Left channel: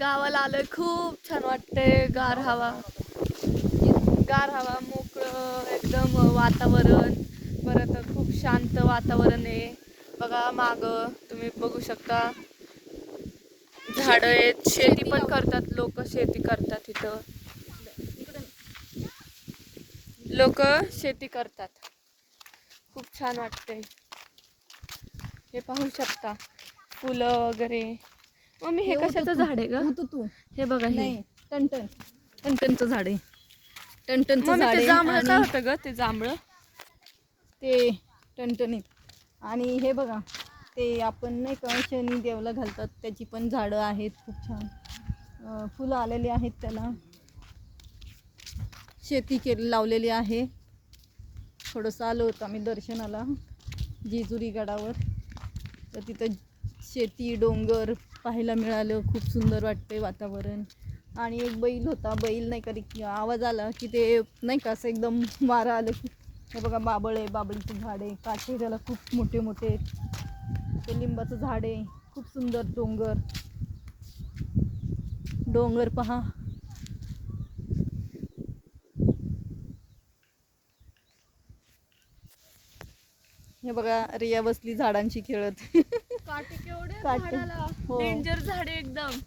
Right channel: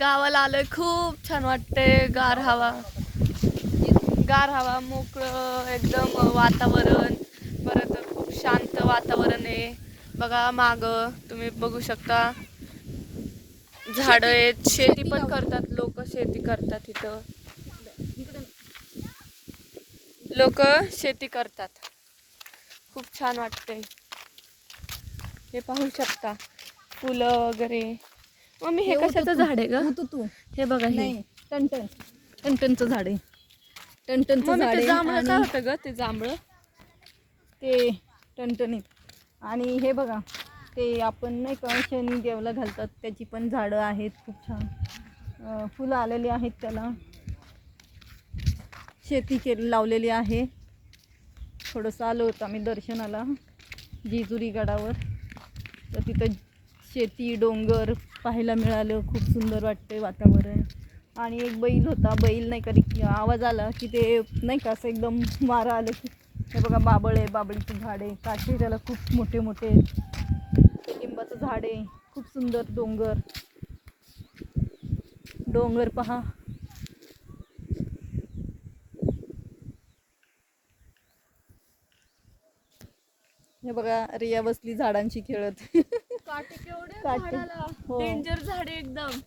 गावाला आलोय, खूप छान वाटतंय. गार हवा, मोकळं एकदम वातावरण. परत खूप शांत वातावरण आहे बघा. माग तुम्ही बघू शकता झाड आहेत. शेती पण करतात लोक, शेती करतात इथं. लोक शेती करतात. खूप छान वाटतंय. हे पाहू शकता फुलं वगैरे. मम्मी हे कशाचं झाड आहे ग? तू हे बघा, हे नाही, टनटनचं झाड आहे. टनटनचं मम्मी झाड ते आहे जांभळं काय आणि होतं ग? ते जांभळं ते टणटणीत. आणि हे बघा, ते आपण नाही का शनी देवला घालतात, त्याची पण झाडं आहेत. खूप छान फुलं आलेली आहेत त्याला. शेती लावलेली आहे. थोडंसं आलो होतं आम्ही दर्शनाला जेजुरी गडावर, तर तिथं शेती डोंगर पाहायला मिळालं. खूप सुंदर वाटते वातावरण. आणि एक बैल होता, बैल नाही कधी आवाज आला की ते नाही का असं एकदम वारा आलं की. हे बघा बाबळ आहे, बाबळीचं झाड आहे, काठी त्याला खूप मोठे मोठे. ते लिंबाचं झाड आहे. खूप सुंदर डोंगर पहा. हे बघा रिया बसली झाडांशी खेळत. काटे केवढे काटे. झाडाला, हो. डेंजर झाडे एकदम.